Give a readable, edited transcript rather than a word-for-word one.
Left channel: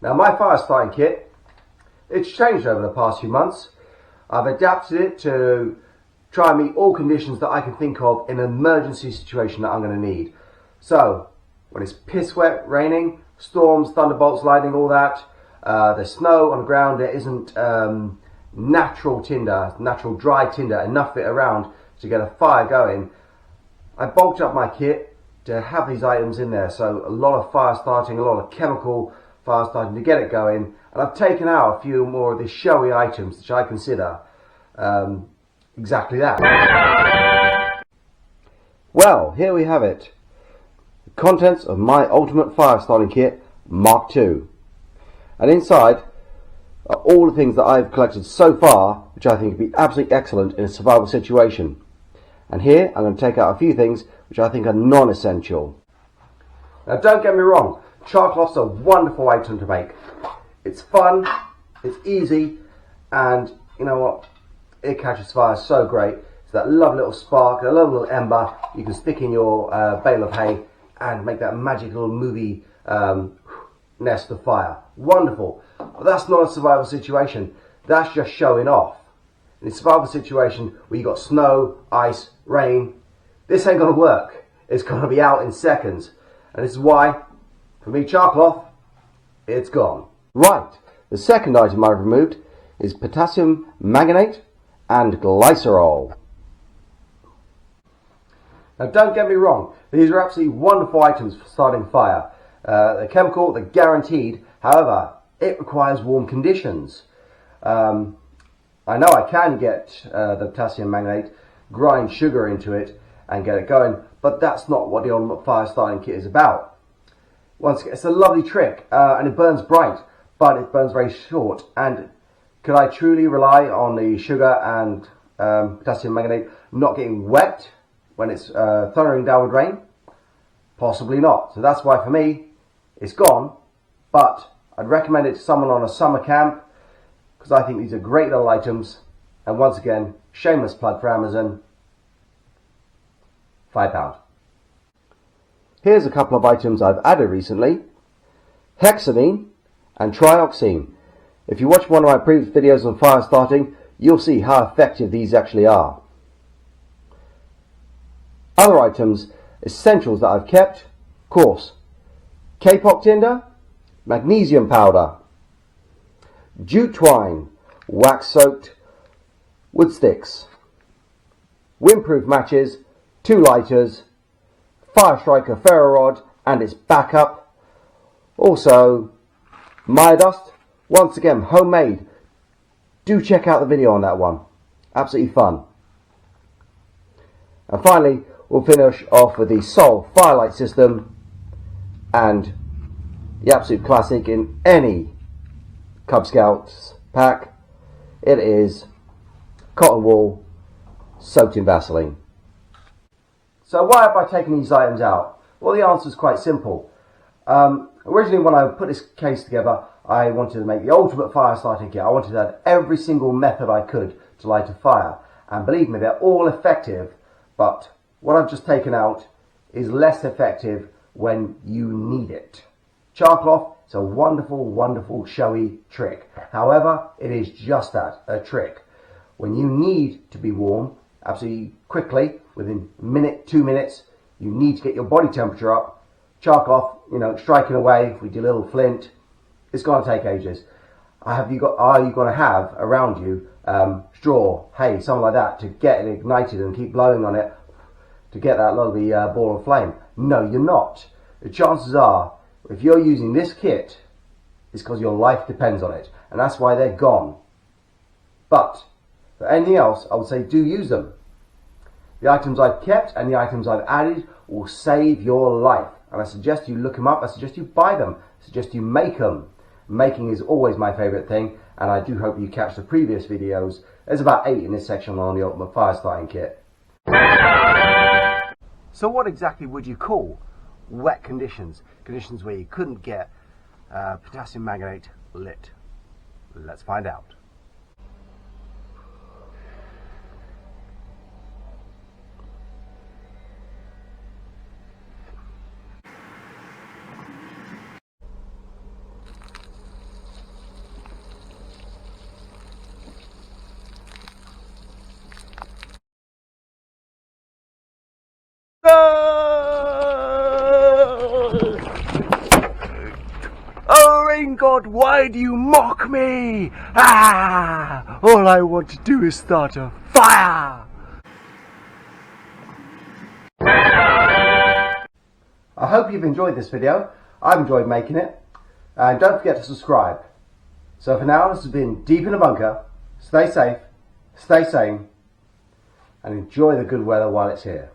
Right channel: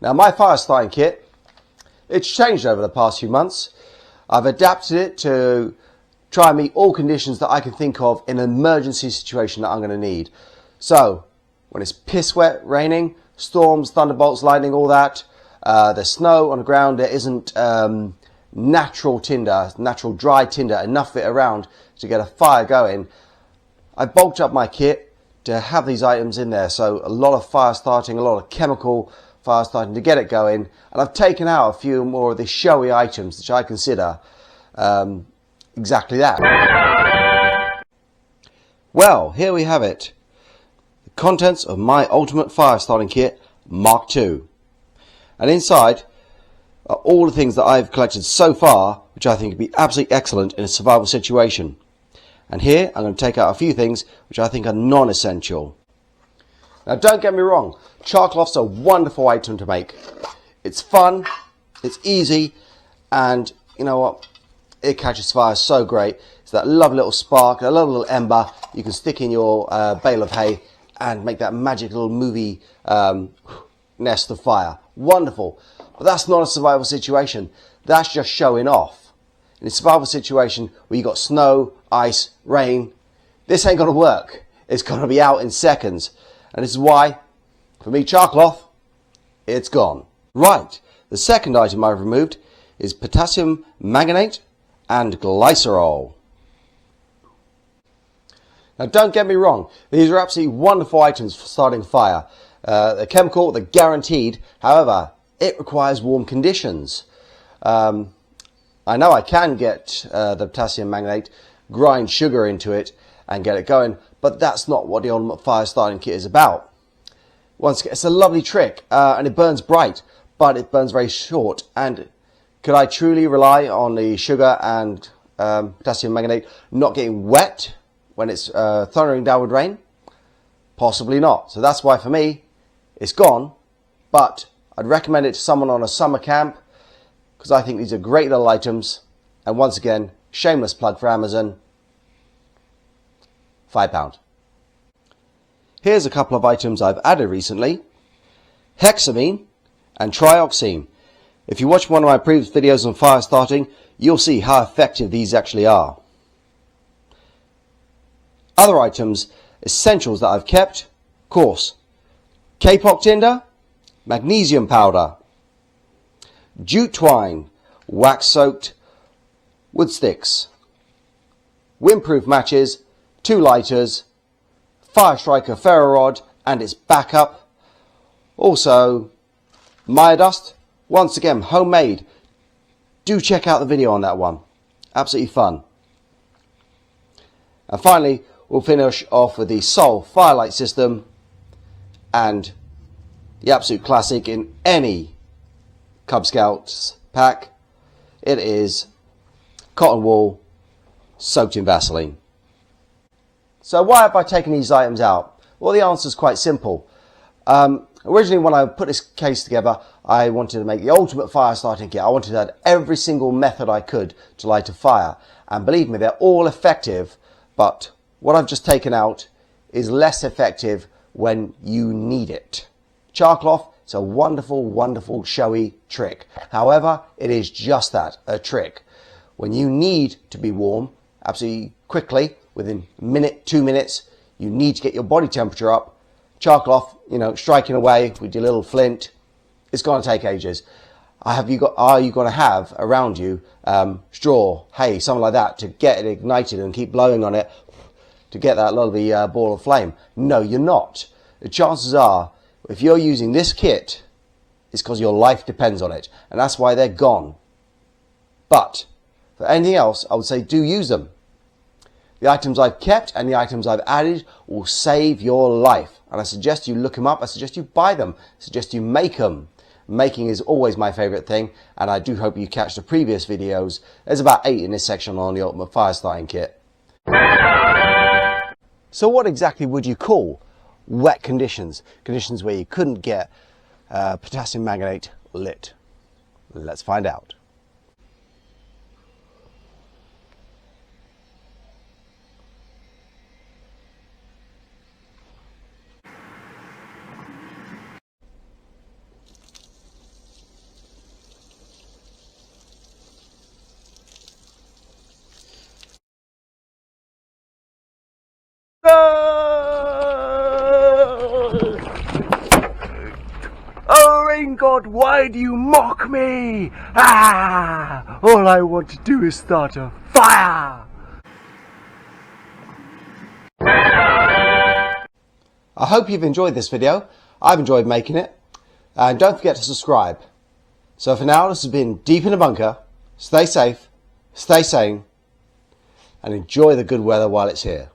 Now my fire starting kit, it's changed over the past few months. I've adapted it to try and meet all conditions that I can think of in an emergency situation that I'm going to need. So when it's piss wet, raining, storms, thunderbolts, lightning, all that, there's snow on the ground, there isn't natural tinder, natural dry tinder, enough of it around to get a fire going. I bulked up my kit to have these items in there, so a lot of fire starting, a lot of chemical fire starting to get it going, and I've taken out a few more of the showy items which I consider exactly that. Well, here we have it. The contents of my ultimate fire starting kit Mark II. And inside are all the things that I've collected so far which I think would be absolutely excellent in a survival situation. And here I'm going to take out a few things which I think are non-essential. Now don't get me wrong, char cloth's a wonderful item to make. It's fun, it's easy, and you know what, it catches fire so great. It's that lovely little spark, a lovely little ember you can stick in your bale of hay and make that magic little movie nest of fire. Wonderful. But that's not a survival situation, that's just showing off. In a survival situation where you've got snow, ice, rain, this ain't going to work. It's going to be out in seconds. And this is why, for me, char cloth, it's gone. Right, the second item I've removed is potassium manganate and glycerol. Now don't get me wrong, these are absolutely wonderful items for starting fire. They're chemical, they're guaranteed, however, it requires warm conditions. I know I can get the potassium manganate, grind sugar into it and get it going, but that's not what the ultimate fire starting kit is about. Once again, it's a lovely trick and it burns bright, but it burns very short. And could I truly rely on the sugar and potassium manganate not getting wet when it's thundering down with rain? Possibly not. So that's why for me, it's gone, but I'd recommend it to someone on a summer camp, because I think these are great little items. And once again, shameless plug for Amazon, £5. Here's a couple of items I've added recently. Hexamine and trioxime. If you watch one of my previous videos on fire starting, you'll see how effective these actually are. Other items, essentials that I've kept, of course, kapok tinder, magnesium powder, jute twine, wax-soaked wood sticks, windproof matches, 2 lighters, Fire Striker ferro rod and its backup, also Maya dust, once again homemade. Do check out the video on that one, absolutely fun. And finally we'll finish off with the Sol Firelight system and the absolute classic in any Cub Scouts pack. It is cotton wool soaked in Vaseline. So why have I taken these items out? Well, the answer is quite simple. Originally when I put this case together, I wanted to make the ultimate fire starting kit. I wanted to add every single method I could to light a fire. And believe me, they're all effective, but what I've just taken out is less effective when you need it. Char cloth is a wonderful, wonderful, showy trick. However, it is just that, a trick. When you need to be warm, absolutely quickly, within a minute, 2 minutes, you need to get your body temperature up. Char cloth, you know, striking away with your little flint, it's going to take ages. Are you going to have around you straw, hay, something like that to get it ignited and keep blowing on it to get that lovely ball of flame? No, you're not. The chances are, if you're using this kit, it's because your life depends on it, and that's why they're gone. But for anything else, I would say do use them. The items I've kept and the items I've added will save your life, and I suggest you look them up. I suggest you buy them. I suggest you make them. Making is always my favourite thing, and I do hope you catch the previous videos. There's about 8 in this section on the Ultimate Fire Starting Kit. So what exactly would you call wet conditions? Conditions where you couldn't get potassium manganate lit? Let's find out. God, why do you mock me? Ah! All I want to do is start a fire! I hope you've enjoyed this video. I've enjoyed making it. And don't forget to subscribe. So for now, this has been Deep in a Bunker. Stay safe, stay sane, and enjoy the good weather while it's here.